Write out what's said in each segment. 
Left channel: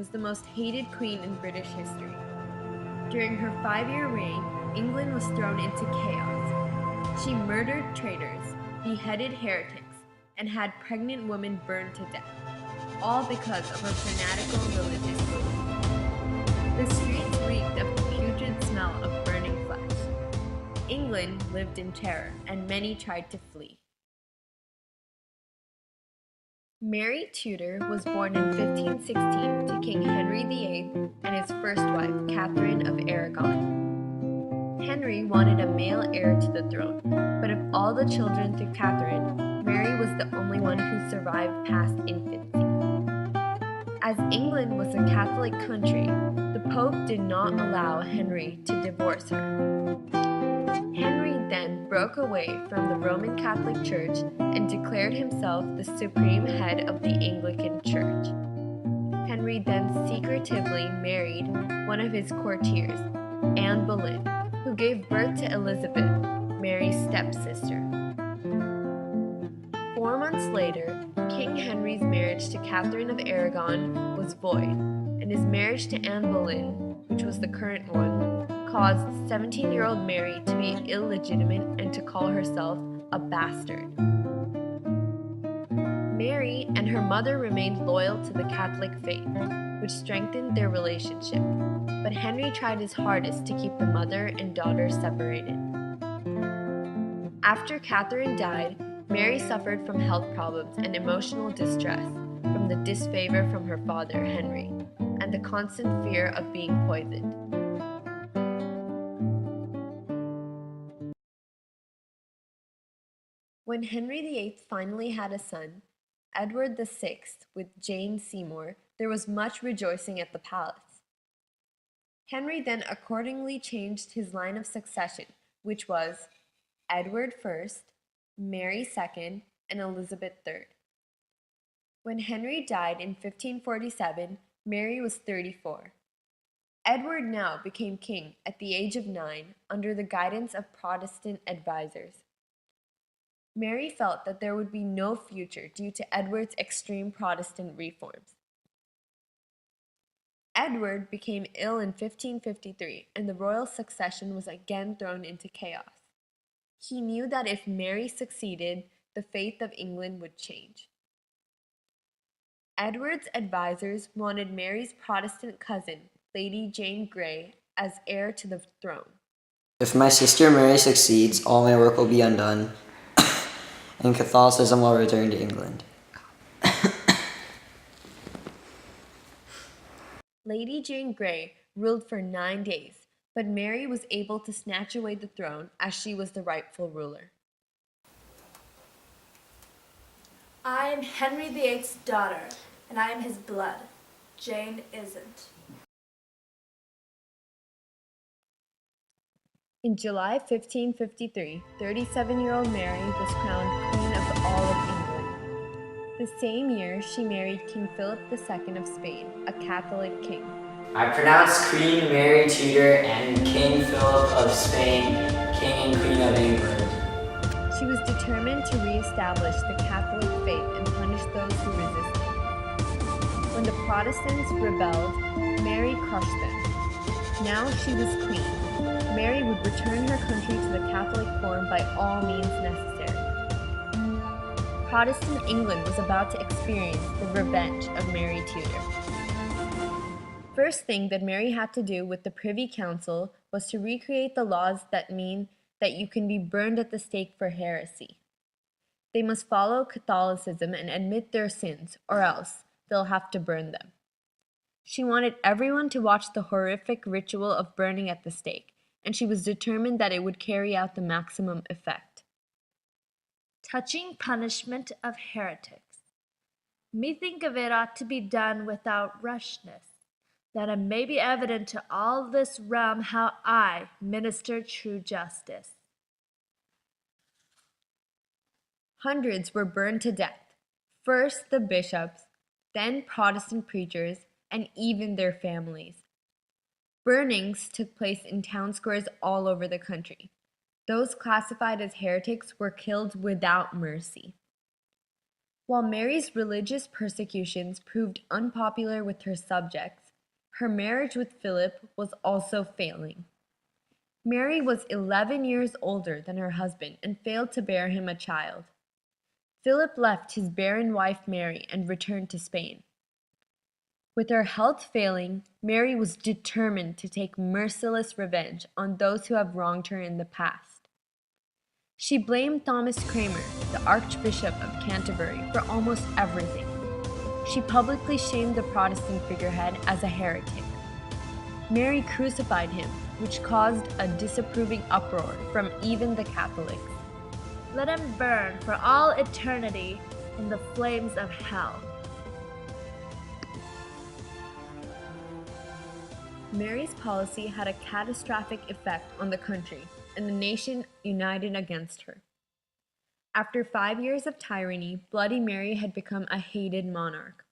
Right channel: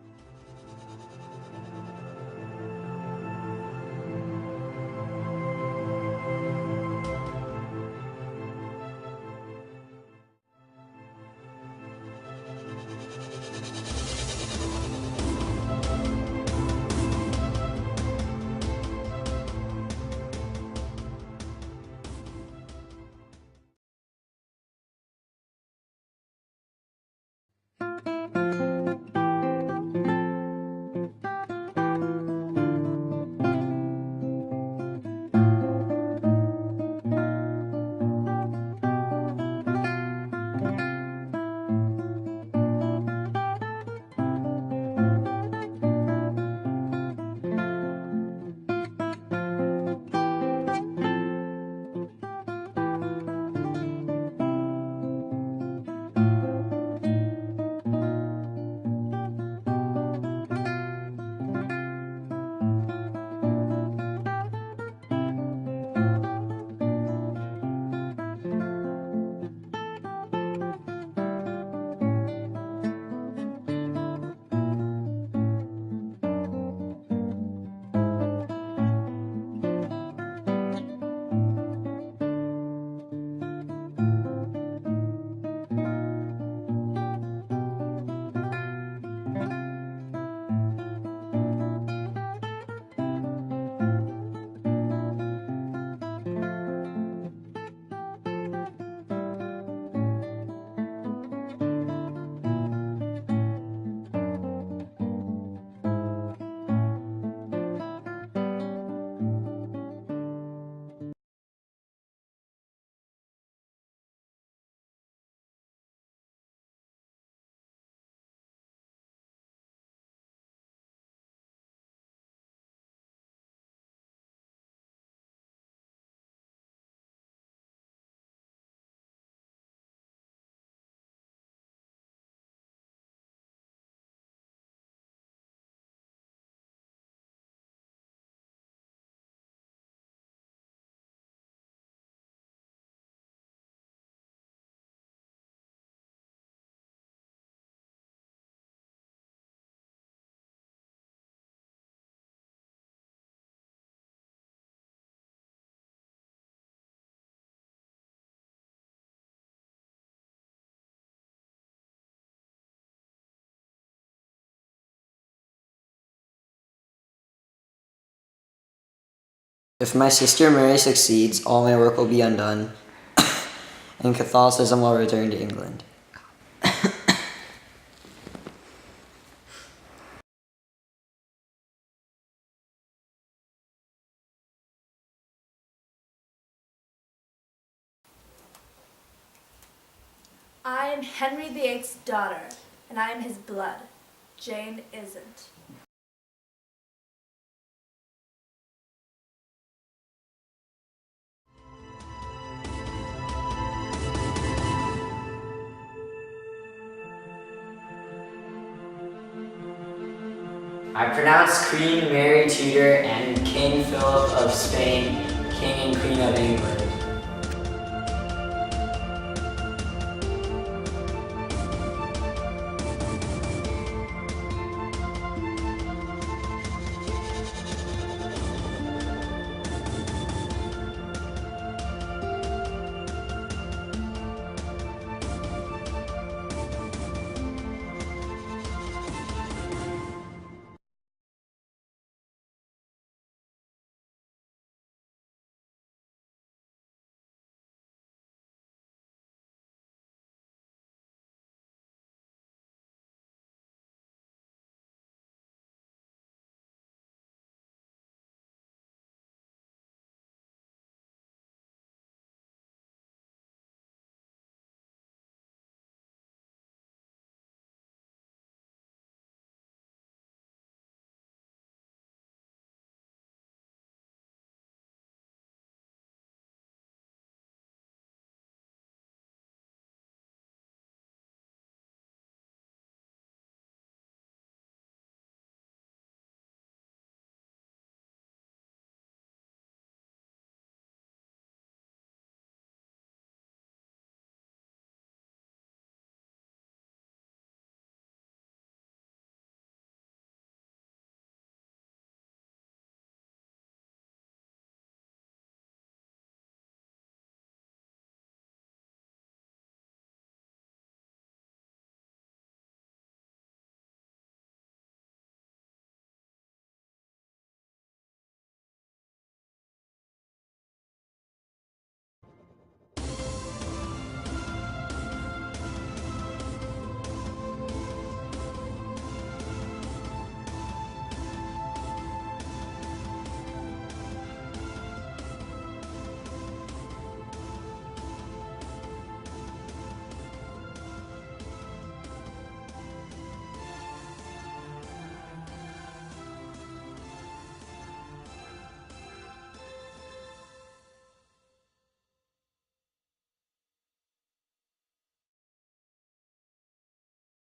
was the most hated queen in British history. During her 5-year reign, England was thrown into chaos. She murdered traitors, beheaded heretics, and had pregnant women burned to death, all because of her fanatical religion. The streets reeked of the pungent smell of burning flesh. England lived in terror, and many tried to flee. Mary Tudor was born in 1516 to King Henry VIII and his first wife, Catherine of Aragon. Henry wanted a male heir to the throne, but of all the children to Catherine, Mary was the only one who survived past infancy. As England was a Catholic country, the Pope did not allow Henry to divorce her. Henry then broke away from the Roman Catholic Church and declared himself the supreme head of the Anglican Church. Henry then secretively married one of his courtiers, Anne Boleyn, who gave birth to Elizabeth, Mary's stepsister. 4 months later, King Henry's marriage to Catherine of Aragon was void, and his marriage to Anne Boleyn, which was the current one, caused 17-year-old Mary to be illegitimate and to call herself a bastard. Mary and her mother remained loyal to the Catholic faith, which strengthened their relationship, but Henry tried his hardest to keep the mother and daughter separated. After Catherine died, Mary suffered from health problems and emotional distress from the disfavor from her father, Henry, and the constant fear of being poisoned. When Henry VIII finally had a son, Edward VI, with Jane Seymour, there was much rejoicing at the palace. Henry then accordingly changed his line of succession, which was Edward I, Mary II, and Elizabeth III. When Henry died in 1547, Mary was 34. Edward now became king at the age of 9 under the guidance of Protestant advisors. Mary felt that there would be no future due to Edward's extreme Protestant reforms. Edward became ill in 1553, and the royal succession was again thrown into chaos. He knew that if Mary succeeded, the faith of England would change. Edward's advisors wanted Mary's Protestant cousin, Lady Jane Grey, as heir to the throne. If my sister Mary succeeds, all my work will be undone, and Catholicism will return to England. Lady Jane Grey ruled for 9 days, but Mary was able to snatch away the throne as she was the rightful ruler. I am Henry VIII's daughter, and I am his blood. Jane isn't. In July 1553, 37-year-old Mary was crowned Queen of all of England. The same year, she married King Philip II of Spain, a Catholic king. I pronounce Queen Mary Tudor and King Philip of Spain King and Queen of England. She was determined to re-establish the Catholic faith and punish those who resisted. When the Protestants rebelled, Mary crushed them. Now she was queen. Mary would return her country to the Catholic form by all means necessary. Protestant England was about to experience the revenge of Mary Tudor. First thing that Mary had to do with the Privy Council was to recreate the laws that mean that you can be burned at the stake for heresy. They must follow Catholicism and admit their sins, or else they'll have to burn them. She wanted everyone to watch the horrific ritual of burning at the stake, and she was determined that it would carry out the maximum effect. Touching punishment of heretics. Methink of it ought to be done without rashness, that it may be evident to all this realm how I minister true justice. Hundreds were burned to death, first the bishops, then Protestant preachers, and even their families. Burnings took place in town squares all over the country. Those classified as heretics were killed without mercy. While Mary's religious persecutions proved unpopular with her subjects, her marriage with Philip was also failing. Mary was 11 years older than her husband and failed to bear him a child. Philip left his barren wife Mary and returned to Spain. With her health failing, Mary was determined to take merciless revenge on those who have wronged her in the past. She blamed Thomas Cranmer, the Archbishop of Canterbury, for almost everything. She publicly shamed the Protestant figurehead as a heretic. Mary crucified him, which caused a disapproving uproar from even the Catholics. Let him burn for all eternity in the flames of hell. Mary's policy had a catastrophic effect on the country, and the nation united against her. After 5 years of tyranny, Bloody Mary had become a hated monarch.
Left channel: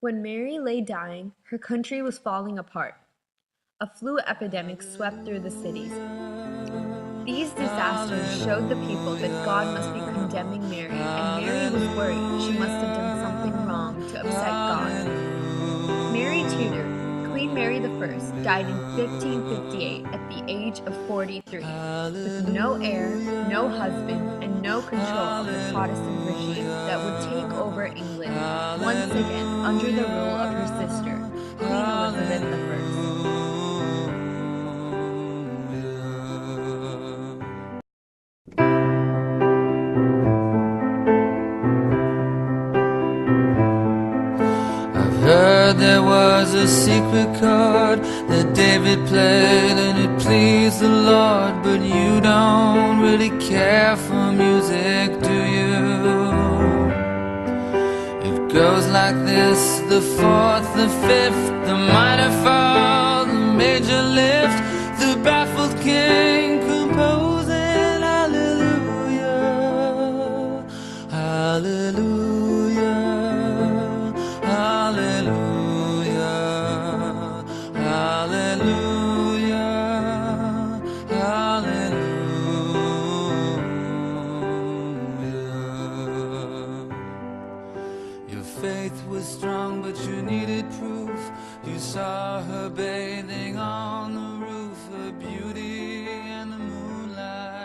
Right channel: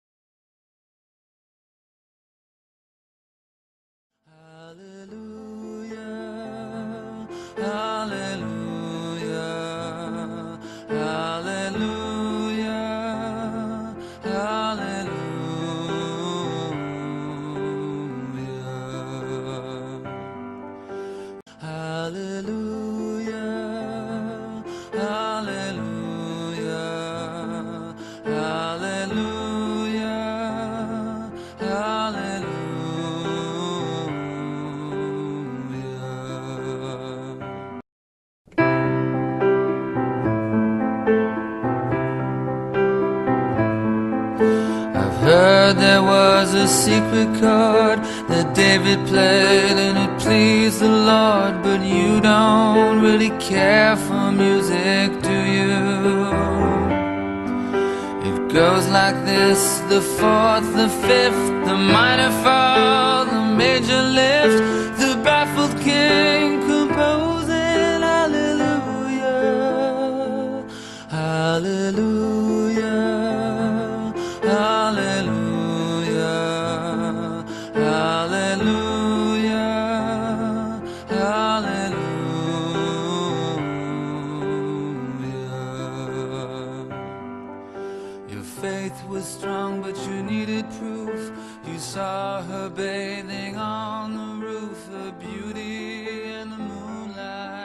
When Mary lay dying, her country was falling apart. A flu epidemic swept through the cities. These disasters showed the people that God must be condemning Mary, and Mary was worried she must have done something wrong to upset God. Mary Tudor, Queen Mary I, died in 1558 at the age of 43, with no heir, no husband, and no control of the Protestant regime that would take over England once again under the rule of her sister, Queen Elizabeth I. Heard there was a secret chord that David played and it pleased the Lord, but you don't really care for music, do you? It goes like this: the fourth, the fifth, the minor fall, the major lift, the baffled king composing hallelujah, hallelujah. Hallelujah, hallelujah, hallelujah. Your faith was strong, but you needed proof. You saw her bathing on the roof, her beauty and the moonlight.